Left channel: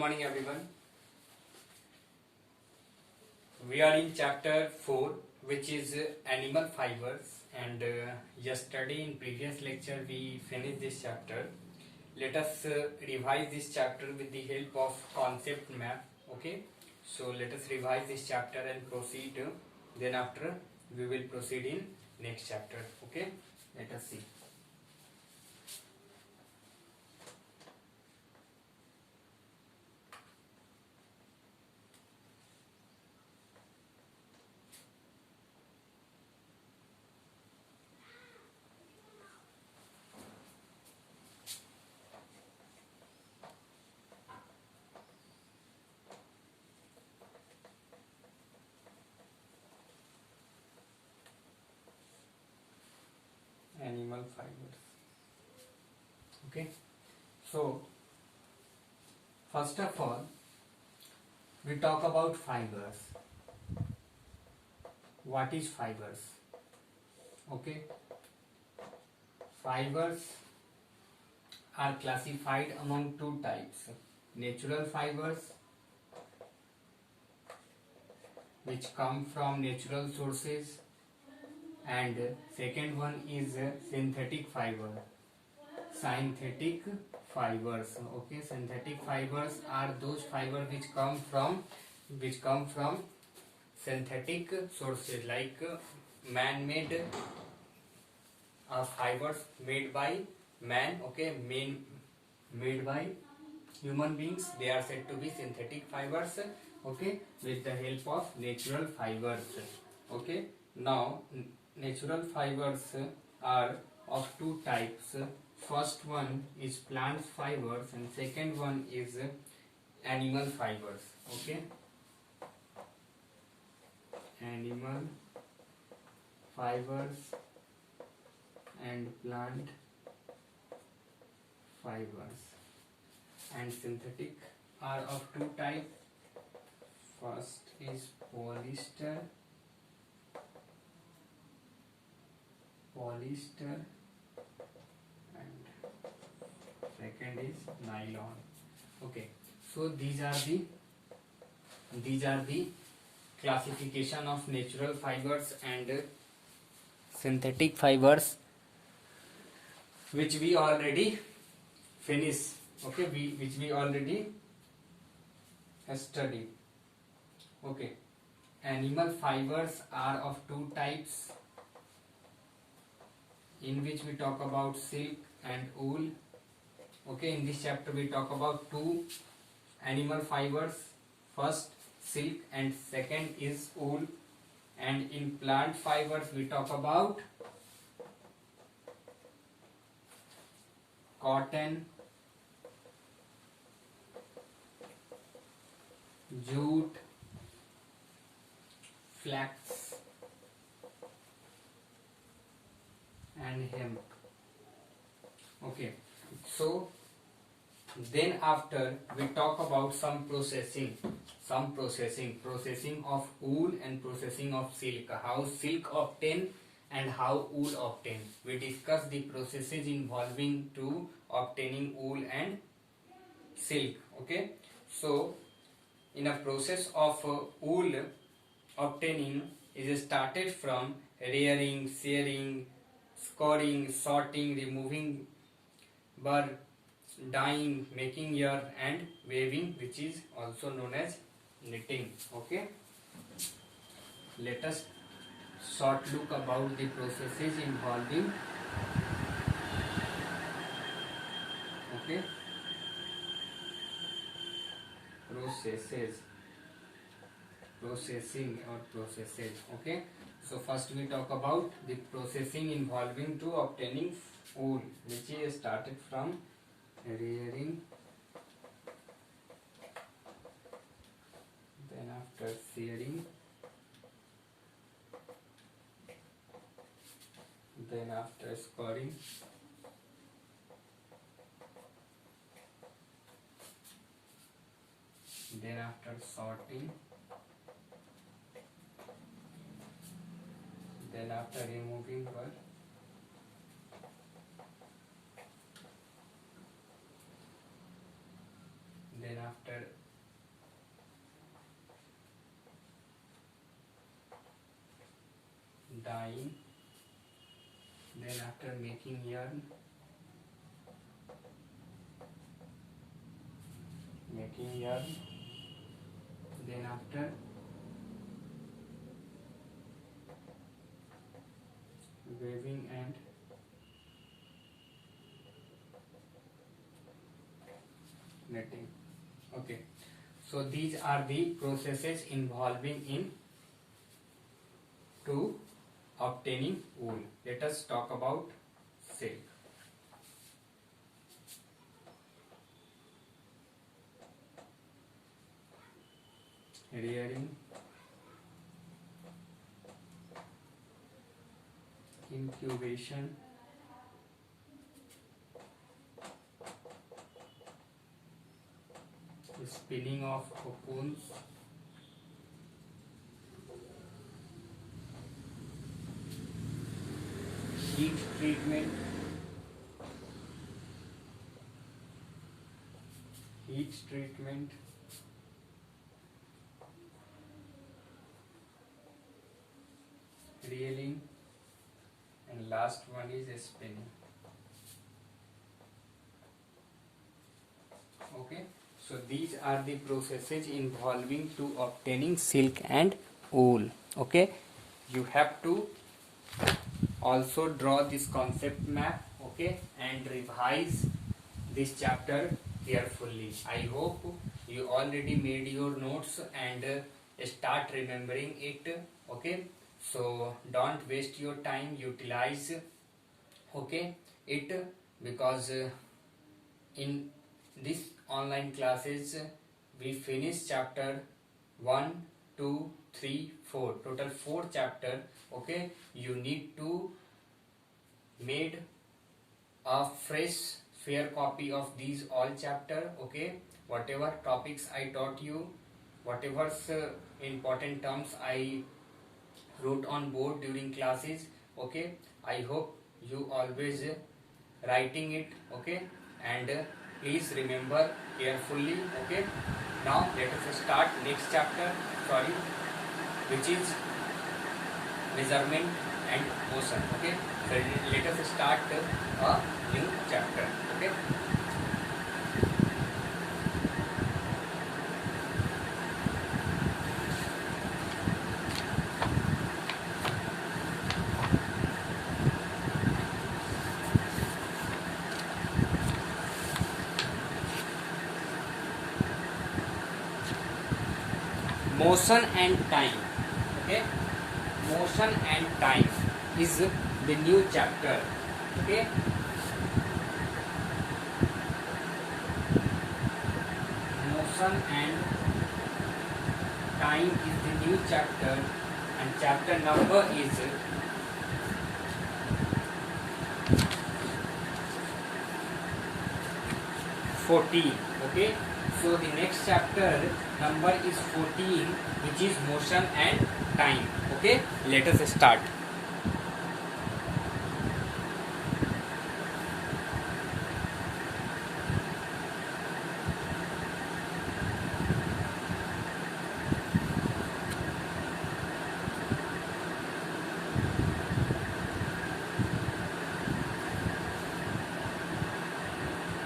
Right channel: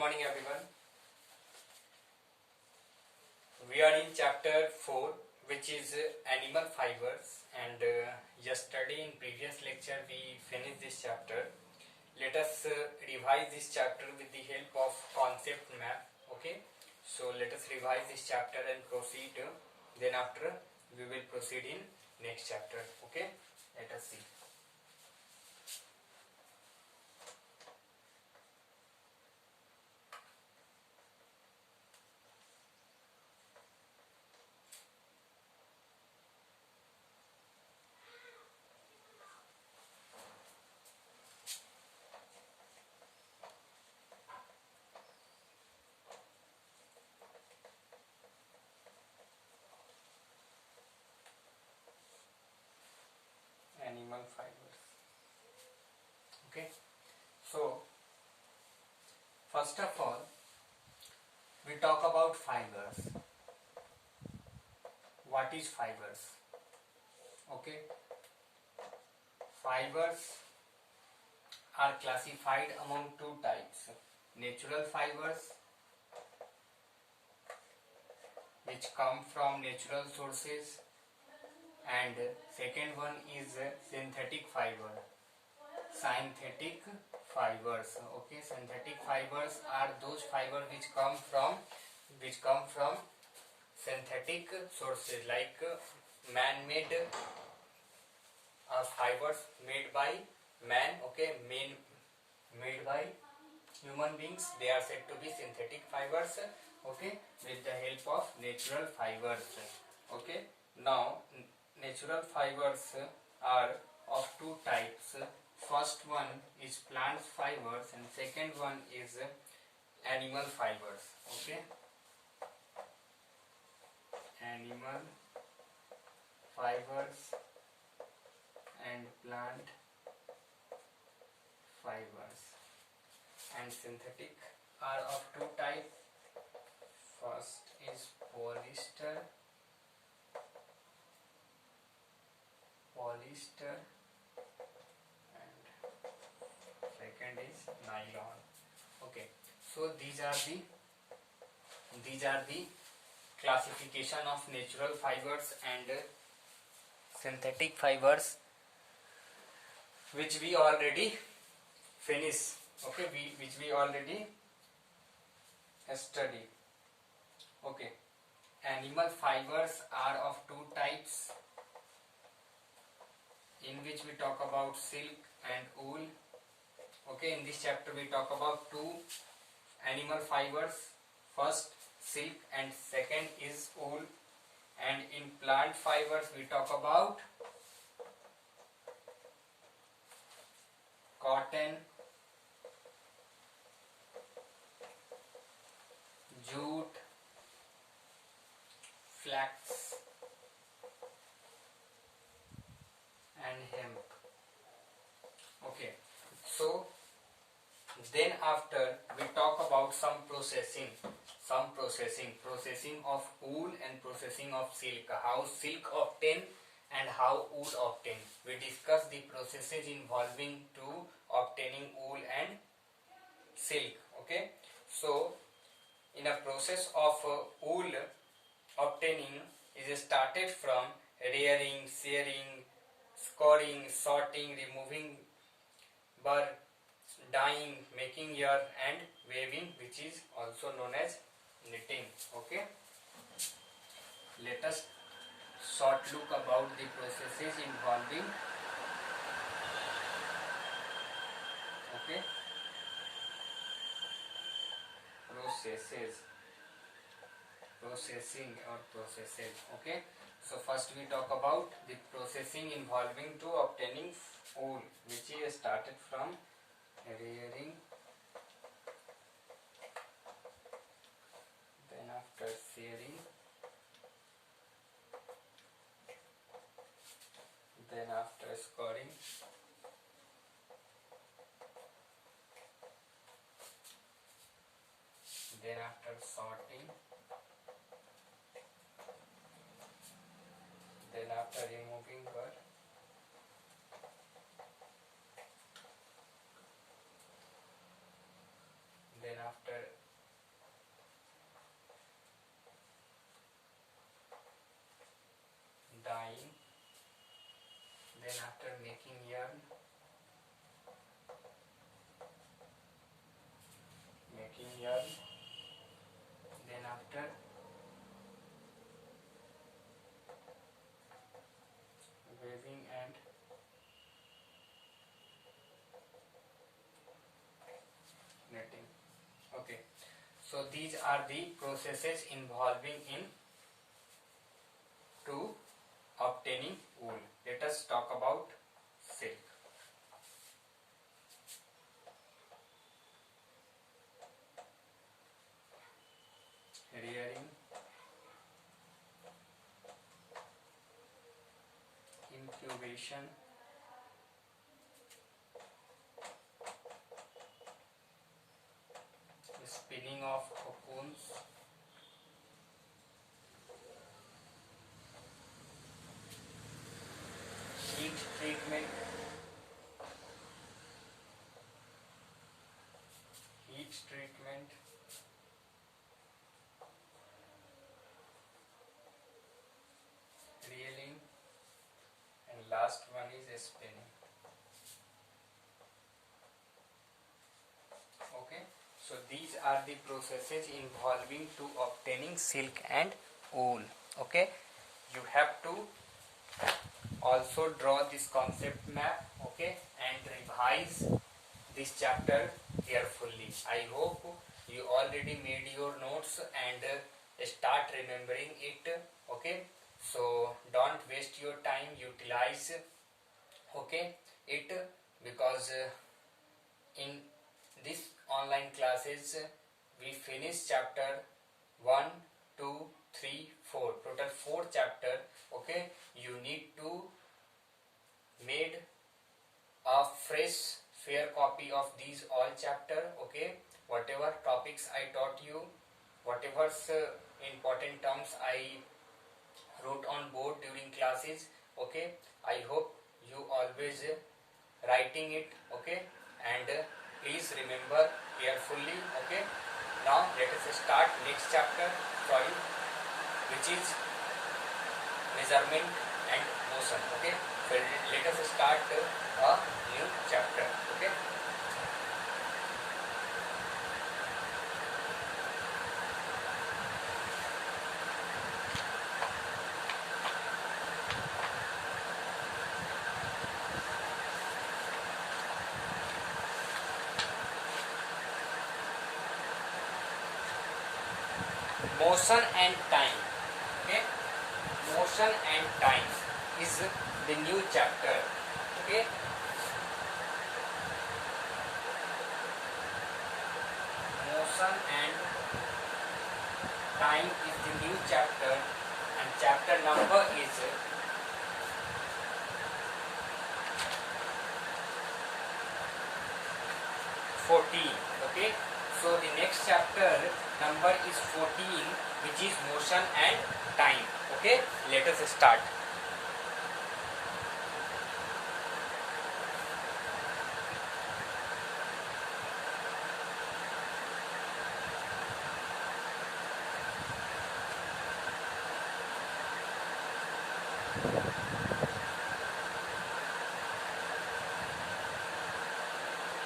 morning everyone. We are in chapter 4, which is animal fibers, and yesterday in previous lecture we finished this chapter. Let us revise this chapter with the help of concept map. Okay, so let us revise this chapter and proceed. Then after we will proceed in next chapter. Okay, let us see. Animal fibers. Okay, so first of all we talk about fibers. What is fibers? Okay, fibers are classified among two types: natural fibers, which come from natural sources, and second one is synthetic fiber. Synthetic fibers. Okay, synthetic fibers are those fibers which come from synthetic sources, like man-made fibers made by man. Okay, made by human beings. They are said to be synthetic fibers. Okay, with the help of natural fibers. Okay, now natural fibers are of two types. First one is plant fibers and second one is animal fibers. Okay, animal fibers and plant fibers. And synthetic are of two types. First is polyester and second is nylon. Okay, so these are the classification of natural fibers and synthetic fibers, which we already finished. Okay, which we already studied. Okay, animal fibers are of two types, in which we talk about silk and wool. Okay, in this chapter we talk about two animal fibers, first silk and second is wool. And in plant fibers we talk about cotton, jute, flax and hemp. Okay, so then after we talk about some processing of wool and processing of silk, how silk obtain and how wool obtain. We discuss the processes involving to obtaining wool and silk. Okay, so in a process of wool obtaining is started from rearing, shearing, scouring, sorting, removing burr, dyeing, making yarn and weaving, which is also known as knitting. Okay, let us short look about the processes involving. Okay, processing or processes. Okay, so first we talk about the processing involving to obtaining wool, which is started from rearing, then after shearing, then after scouring, then after sorting, then after removing burr, then after dyeing, then after making yarn, then after weaving and knitting. Okay, so these are the processes involving in to obtaining wool. Let us talk about silk. Rearing, incubation, spinning of cocoons, heat treatment, reeling, and last one is spinning. Okay, so these are the processes involving to obtaining silk and wool. Okay, you have to also draw this concept map, okay, and revise this chapter carefully. I hope you already made your notes and start remembering it. Okay, so don't waste your time, utilize, okay, it, because in this online classes we finish chapter 1, 2, 3, 4, total 4 chapter. Okay, you need to made a fresh fair copy of these all chapter. Okay, whatever topics I taught you, whatever important terms I wrote on board during classes, okay, I hope you always writing it, okay, and please remember carefully. Okay, now let us start next chapter, which is measurement and motion. Okay, so let us start a new chapter. Okay, motion and time. Okay, motion and time is the new chapter. Okay, motion and time is the new chapter, and chapter number is 14. Okay, so the next chapter number is 14, which is motion and time. Okay, let us start.